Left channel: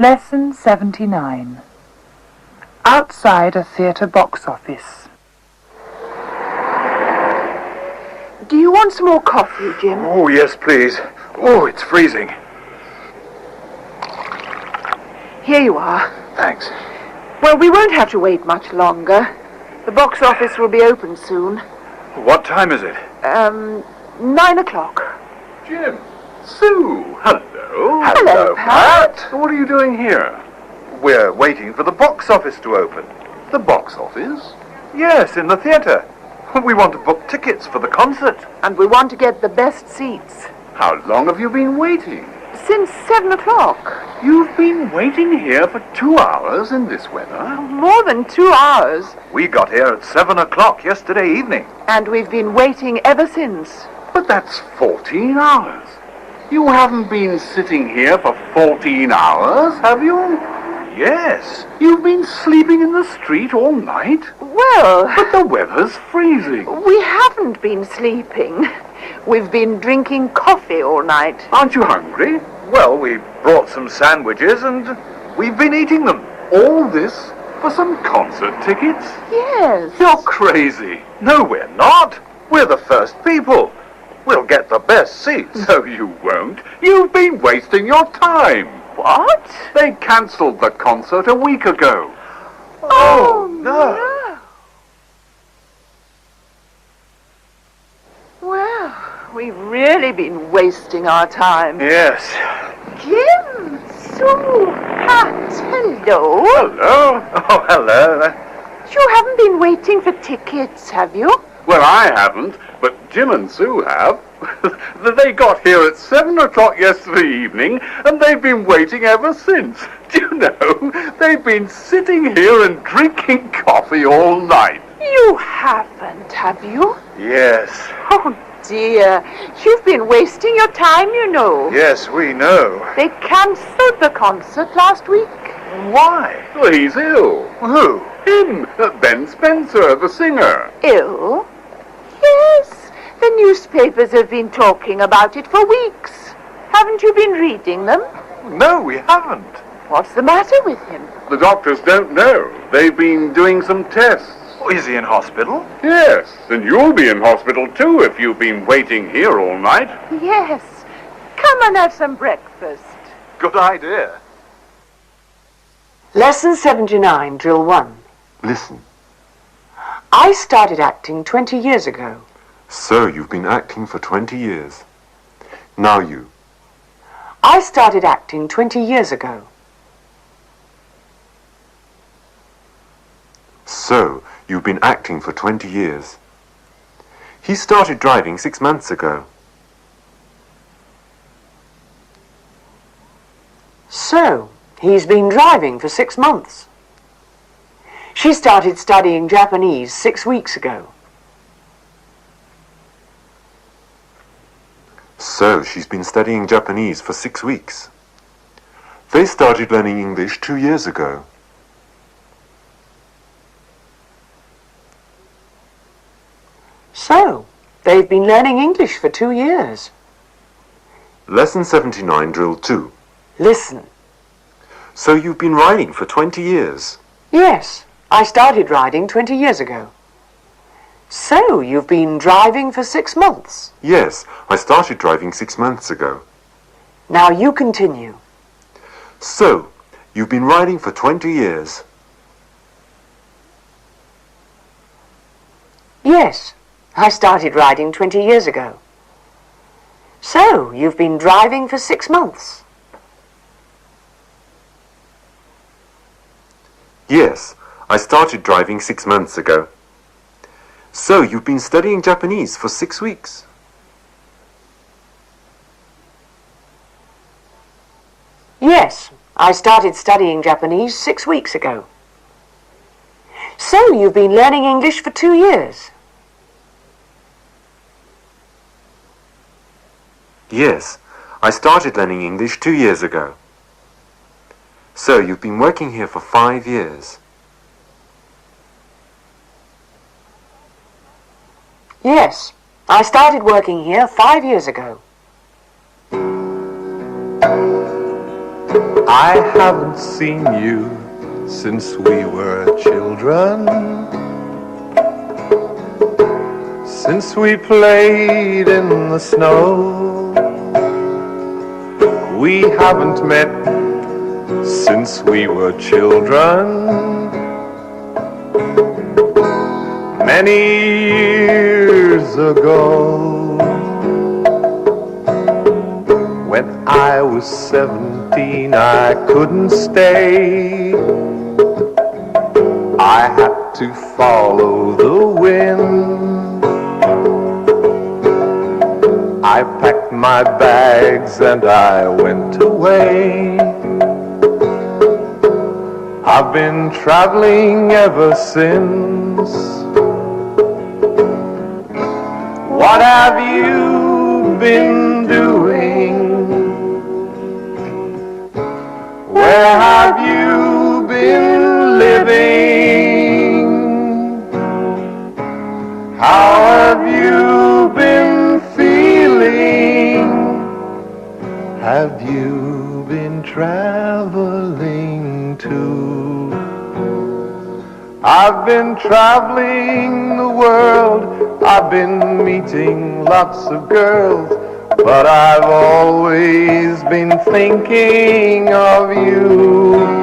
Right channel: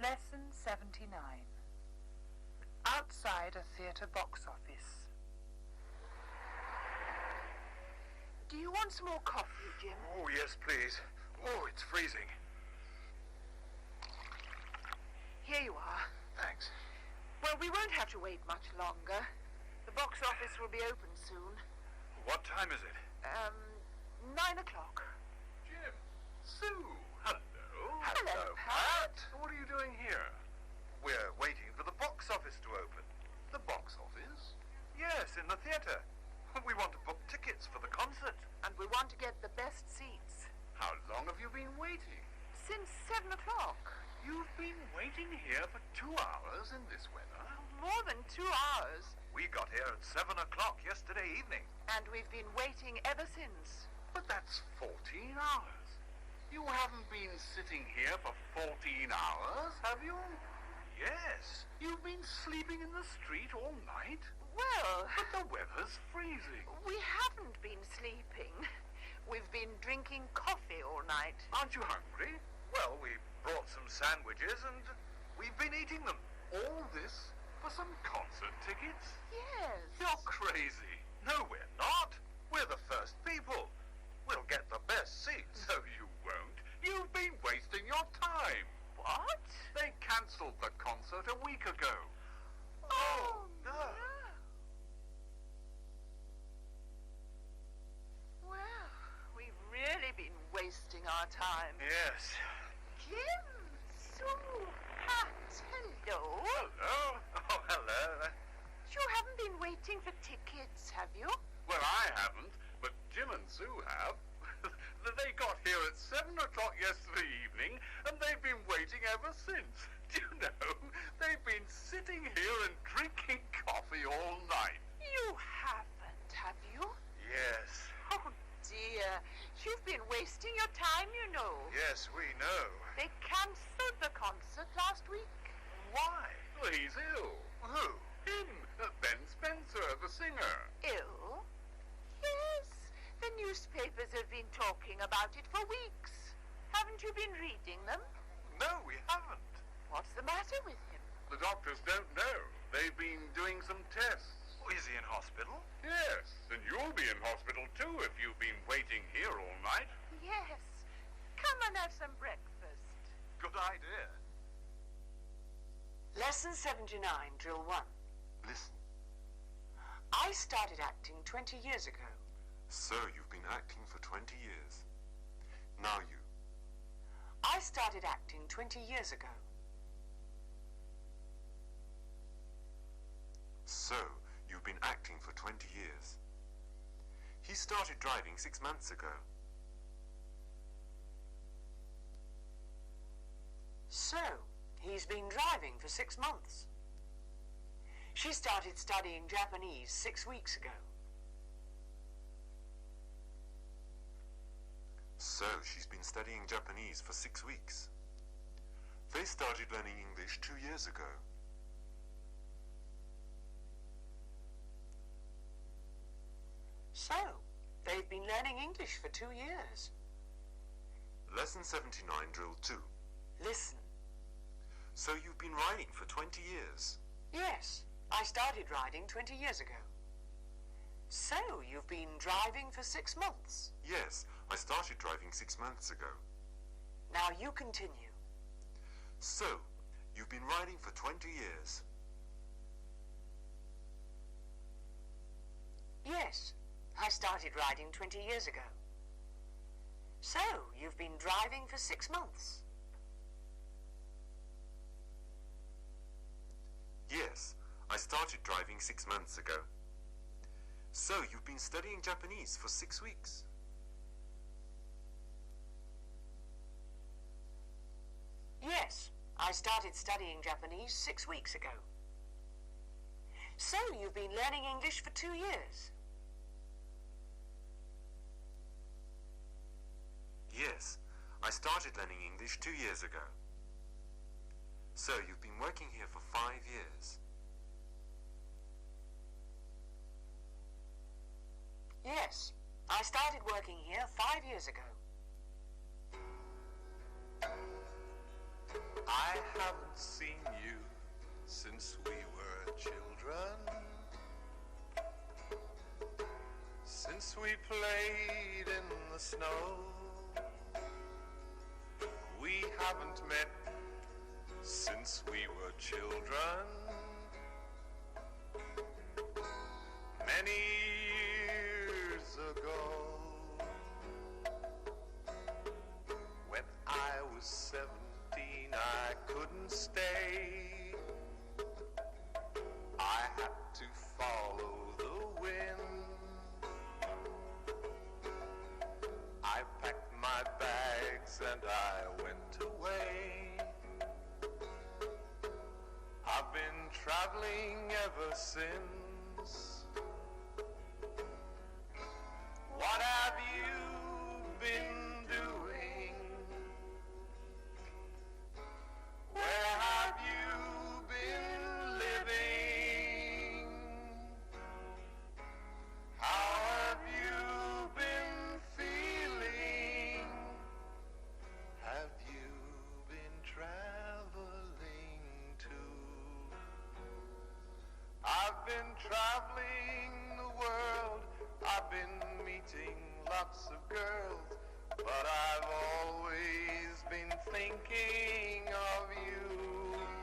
Lesson 79. Outside a theatre box office. Do you want some more coffee, Jim? Oh, yes, please. Oh, it's freezing. Here you are. Thanks. Well, we won't have to wait much longer. The box office will be open soon. What time is it? 9 o'clock. Jim. Sue. Hello. Hello, Pat. What are you doing here? We're waiting for the box office to open. The box office? Yes, in the theatre. We want to book tickets for the concert. And we want to get the best seats. How long have you been waiting? Since 7 o'clock. You've been waiting here for 2 hours in this weather? More than 2 hours. We got here at 7 o'clock yesterday evening. And we've been waiting ever since. But that's 14 hours. You haven't been sitting here for 14 hours, have you? Yes. You've been sleeping in the street all night? Well, But the weather's freezing. we haven't been sleeping. We've been drinking coffee all night. Aren't you hungry? Well, we brought some sandwiches and we've been eating them. All this for some concert tickets? Yes. You're crazy. No, we're not. We're the first people. We'll get the best seats. No, you won't. You've been wasting your time. What? They cancelled the concert a week ago. Oh, no. Well, we've really been wasting our time. Yes. Jim, Sue, Pat, hello. Hello. Oh, hello. You haven't been waiting for tickets, have you? Well, I haven't, but Jim and Sue have. They got here at 7 o'clock yesterday evening, and they've been waiting ever since. Do you know, they've been sitting here and drinking coffee all night. You haven't, have you? Yes. Oh, dear. You've been wasting your time, you know. Yes, we know. They cancelled the concert last week. Why? Well, he's ill. Who? Him, Ben Spencer, the singer. Ill? Yes. The newspapers have been talking about it for weeks. Haven't you been reading them? No, we haven't. What's the matter with him? The doctors don't know. They've been doing some tests. Oh, is he in hospital? Yes, and you'll be in hospital too if you've been waiting here all night. Yes. Come and have some breakfast. Good idea. Lesson 79, Drill 1. Listen. I started acting 20 years ago. So you've been acting for 20 years. Now you. I started acting 20 years ago. So you've been acting for 20 years. He started driving 6 months ago. So he's been driving for 6 months. She started studying Japanese 6 weeks ago. So she's been studying Japanese for 6 weeks. They started learning English 2 years ago. So they've been learning English for 2 years. Lesson 79, Drill 2. Listen. So you've been riding for 20 years. Yes, I started riding 20 years ago. So you've been driving for 6 months. Yes, I started driving 6 months ago. Now you continue. So you've been riding for 20 years. Yes, I started riding 20 years ago. So you've been driving for 6 months. Yes, I started driving 6 months ago. So you've been studying Japanese for 6 weeks. Yes, I started studying Japanese 6 weeks ago. So you've been learning English for 2 years. Yes, I started learning English 2 years ago. So you've been working here for 5 years. Yes, I started working here 5 years ago. I haven't seen you since we were children, since we played in the snow. We haven't met since we were children, many years ago. When I was 17, I couldn't stay. I had to follow the wind. I packed my bags and I went away. I've been traveling ever since. What have you been doing? Where have you been living? How have you been feeling? Have you been traveling too? I've been traveling the world, I've been meeting lots of girls, but I've always been thinking of you.